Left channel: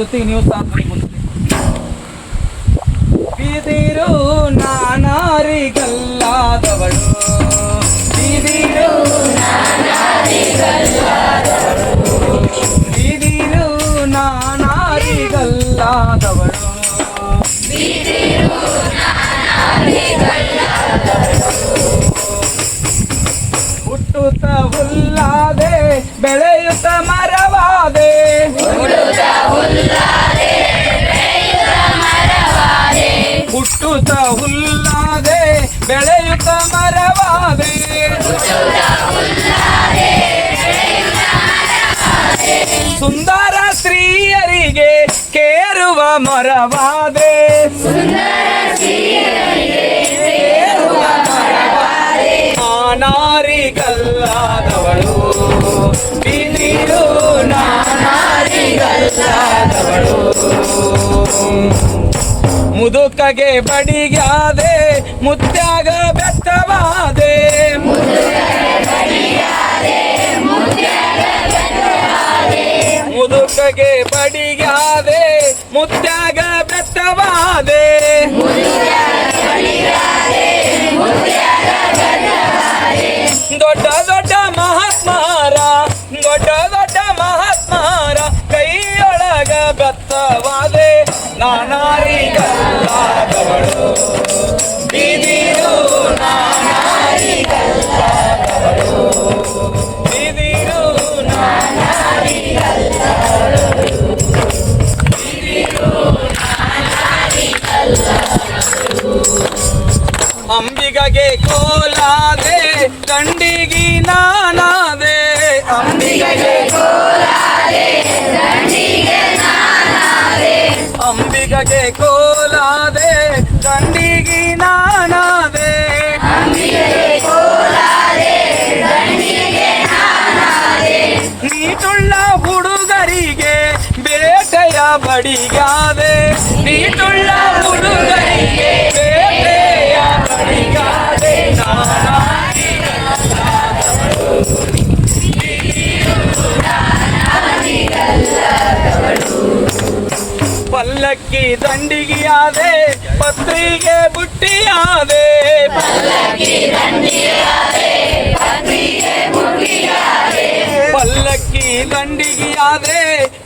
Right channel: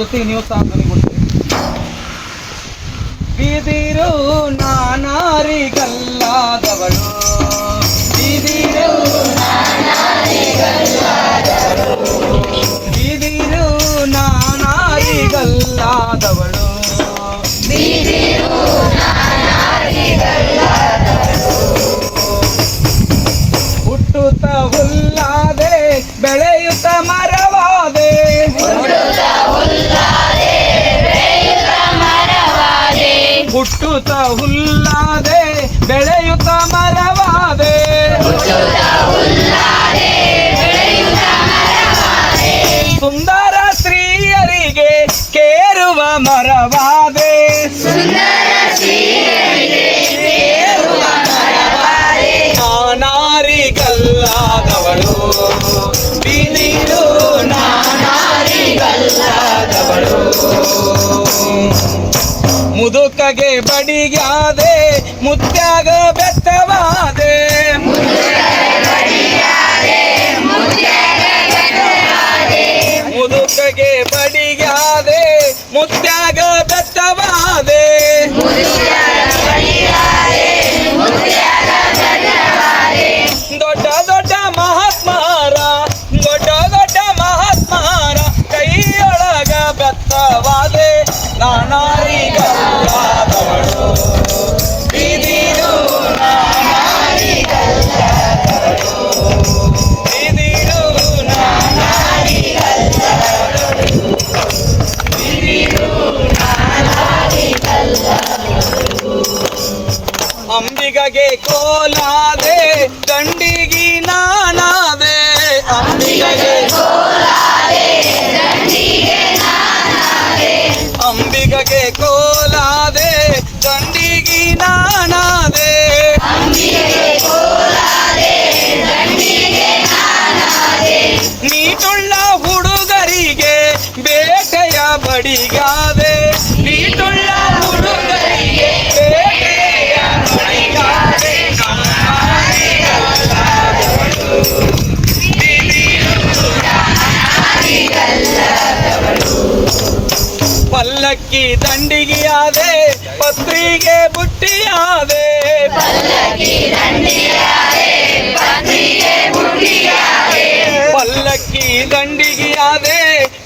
ಜೊತೆಗೆ ನೀವು ಸಹ ಕೊಡ್ತೀರಿ ಬಿದಿರು ನಾನಾರಿಗಲ್ಲಾದವಳು. ಬಿದಿರು ಬಿದಿರು ಹುಟ್ಟುತ್ತ ಹುಲ್ಲಾದೆ ಬೆಳೆಯುತ್ತ ಮರವಾದೆ. ಸುಂದರ ಸ್ತ್ರೀಯರಿಗೆ ಕೇರುವ ಮರವಾದೆ. ನಾನಾರಿಗಲ್ಲಾದವಳು. ನಾನಾರಿಗಲ್ಲಾದವಳು. ಮುದುಕಗೆ ಬಡಿಗಾದೆ ಮುತ್ಯಾಗ ಬೆತ್ತವಾದೆ. ಮುದುಕಗೆ ಬಡಿಗಾದೆ ಮುತ್ಯಾಗ ಬೆತ್ತವಾದೆ. ದೊಡ್ಡ ದೊಡ್ಡ ಮಹಾತ್ಮಾರ, ದೊಡ್ಡ ದೊಡ್ಡ ಮಹಾತ್ಮಾರ ಕೈಯೊಳಗ ಬೆತ್ತವಾದೆ. ನಾನಾರಿಗಲ್ಲಾದವಳು ಅಂಬಿಗಗೆ ಕೋಲಾದೆ ದಂಡಿಗಿ ನಾನಾದೆ ಅಂಬಿಗಗೆ ಪತ್ರಿಗೆ ಬುಟ್ಟಿಯಾದೆ ಪಲ್ಲಕ್ಕಿ ದಂಡಿಗೆಯಾದೆ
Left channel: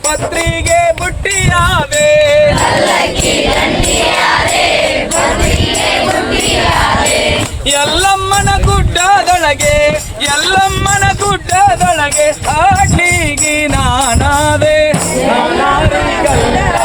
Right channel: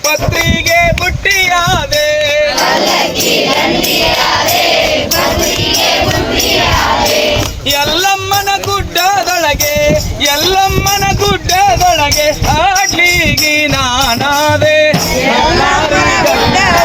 ಪತ್ರಿಗೆ ಬುಟ್ಟಿಯಾದೆ ಎಲ್ಲಮ್ಮನ ಗುಡ್ಡದೊಳಗೆ ಎಲ್ಲಮ್ಮನ ಗುಡ್ಡದೊಳಗೆ ಆಡ್ಲಿಗಿ ನಾನಾದೆ ನಾನಾರಿಗಲ್ಲ. ಬಿದಿರು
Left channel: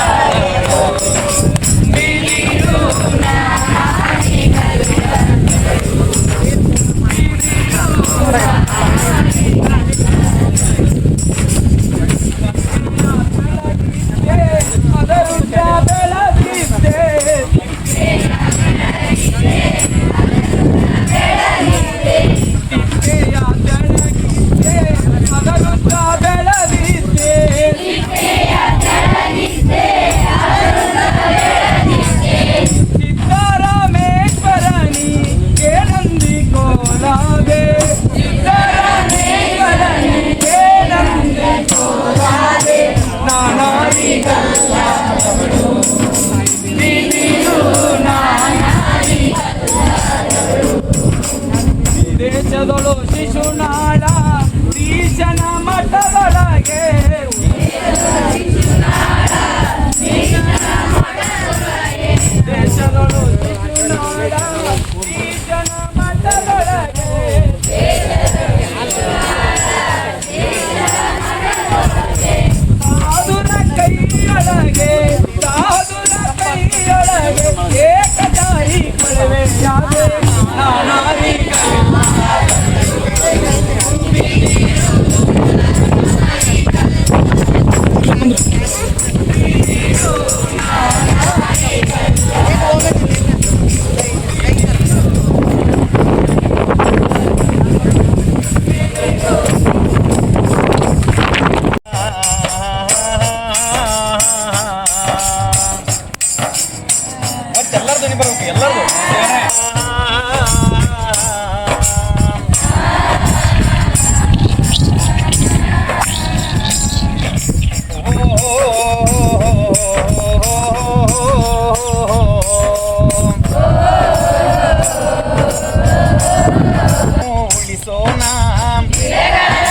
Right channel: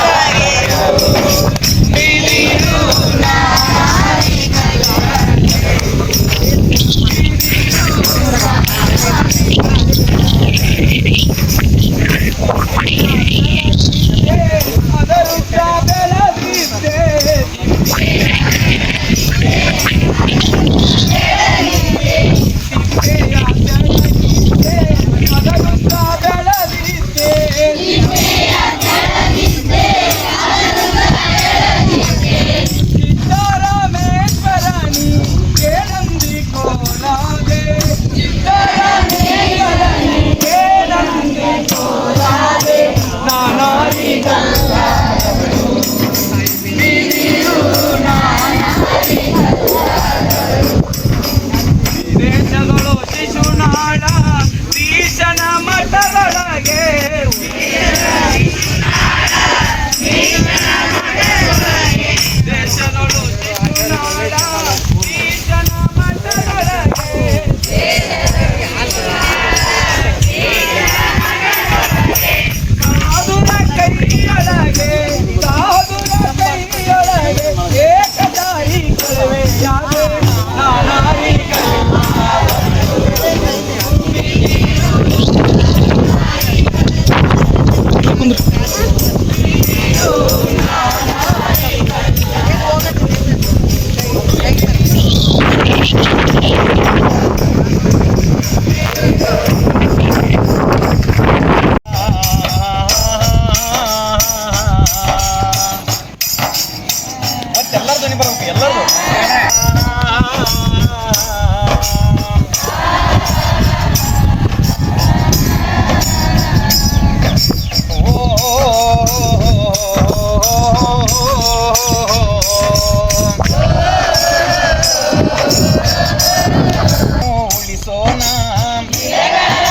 ಗಿಡಗಳ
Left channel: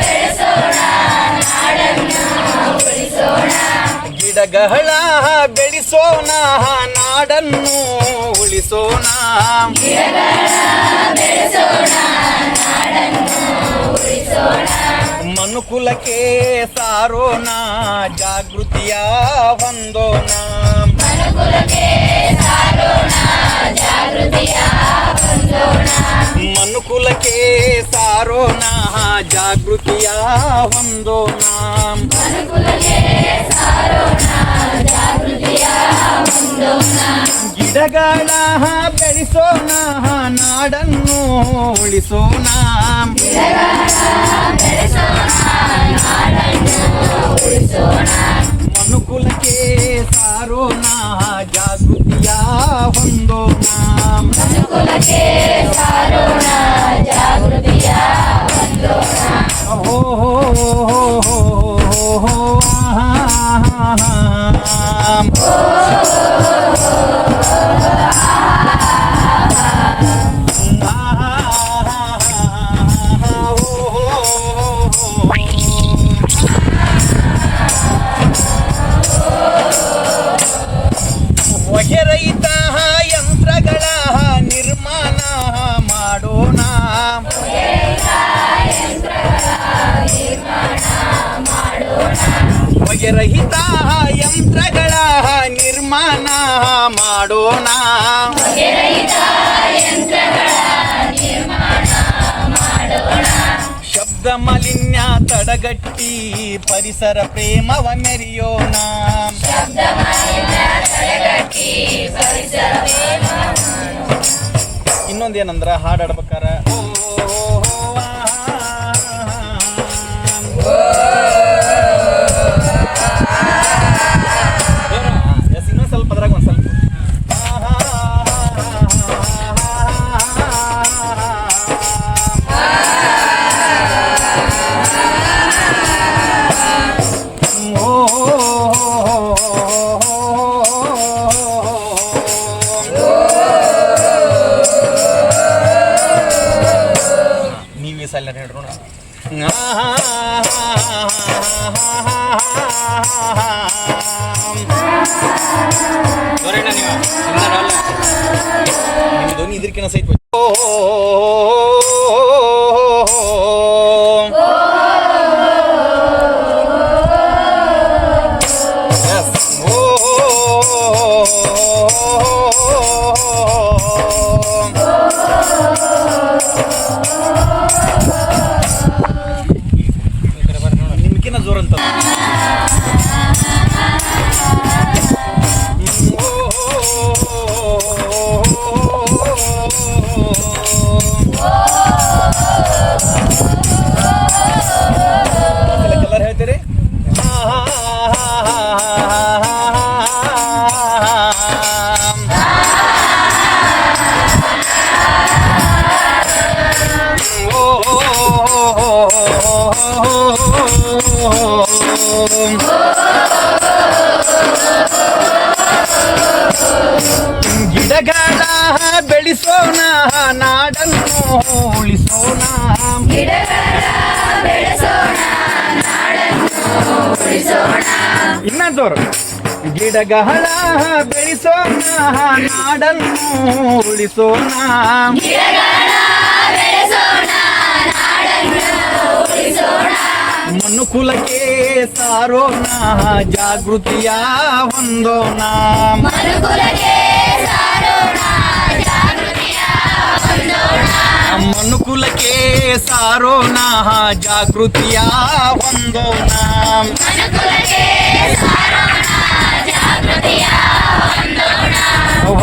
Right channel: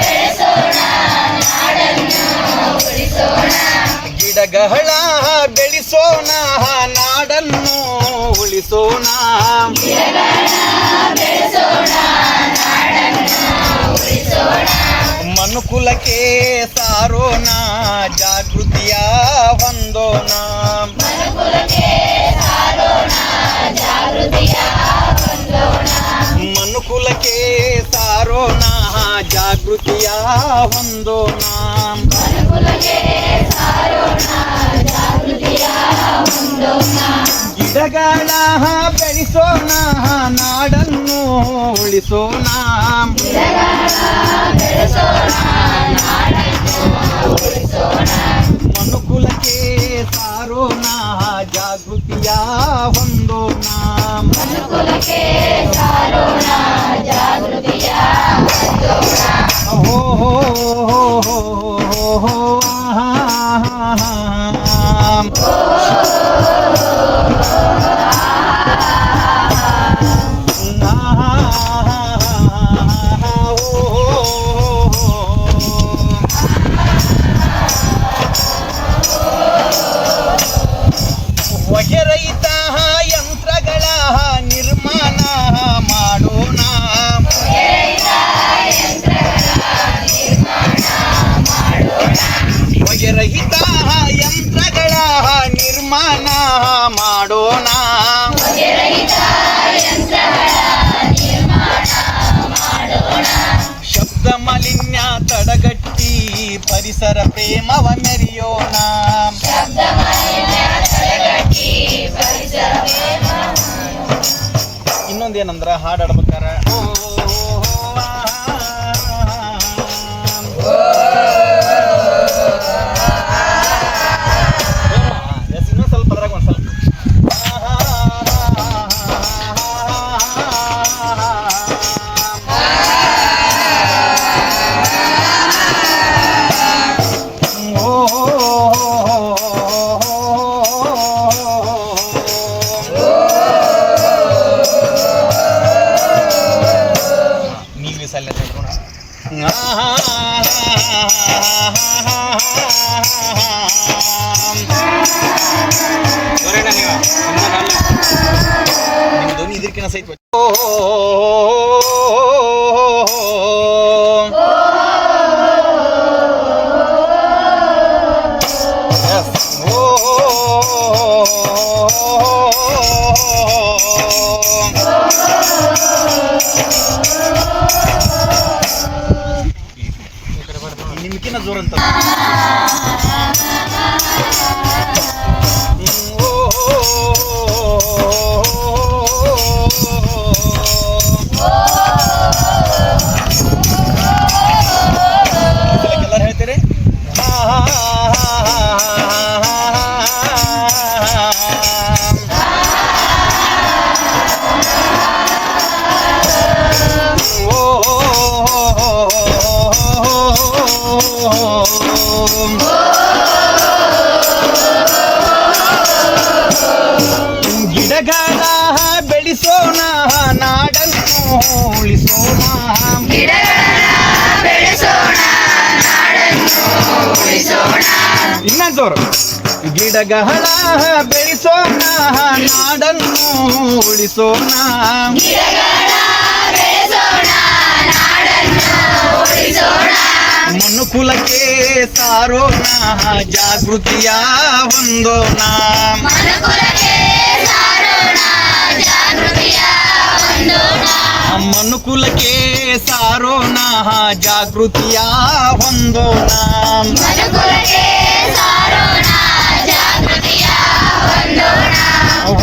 ಬೆಳೆಸೋಣ ನಾಡನ್ನು ಉಳಿಸೋಣ. ಬೆಳೆಸೋಣ ನಾಡನ್ನು ಉಳಿಸೋಣ. ಮನುಕುಲಕ್ಕೆ ಸಾರೋಣ ಜಾಗೃತಿಯ ಹೊಂದೋಣ ಮನುಕುಲಕ್ಕೆ ಸಾರೋಣ ಜಾಗೃತಿಯ ಹೊಂದೋಣ ಗಿಡಗಳ ಬೆಳೆಸೋಣ ನಾಡನ್ನು ಉಳಿಸೋಣ ಮನುಕುಲಕ್ಕೆ ಸಾರೋಣ ಜಾಗೃತಿಯ ಹೊಂದೋಣ ಹೋ ವಗೆರಹಿತ ಯಂತ್ರಗಳ ನಿರ್ಮಾಣ ಮಾಡೋಣ. ಶಬ್ದ ಮಾಲಿನ್ಯ ತಡಗಟ್ಟಿ ಪರಿಸರ ಪ್ರೇಮವ ಮೆರೆಯೋಣ. ಇನ್ನೊಂದೇನಂದ್ರ ಹಾಡು எல்லாத்தையும் எடுத்துக்கணும் ハハハハ! ಬೆಳೆಸೋಣ ನಾಡನ್ನು ಉಳಿಸೋಣ ಇನ್ನೊಂದು ಜೋರು ಗಿಡಗಳ ಬೆಳೆಸೋಣ ನಾಡನ್ನು ಉಳಿಸೋಣ ಮನುಕುಲಕ್ಕೆ ಸಾರೋಣ ಜಾಗೃತಿಯ ಹೊಂದೋಣ ಮನುಕುಲಕ್ಕೆ ಸಾರೋಣ ಜಾಗೃತಿಯ ಹೊಂದೋಣ ಓ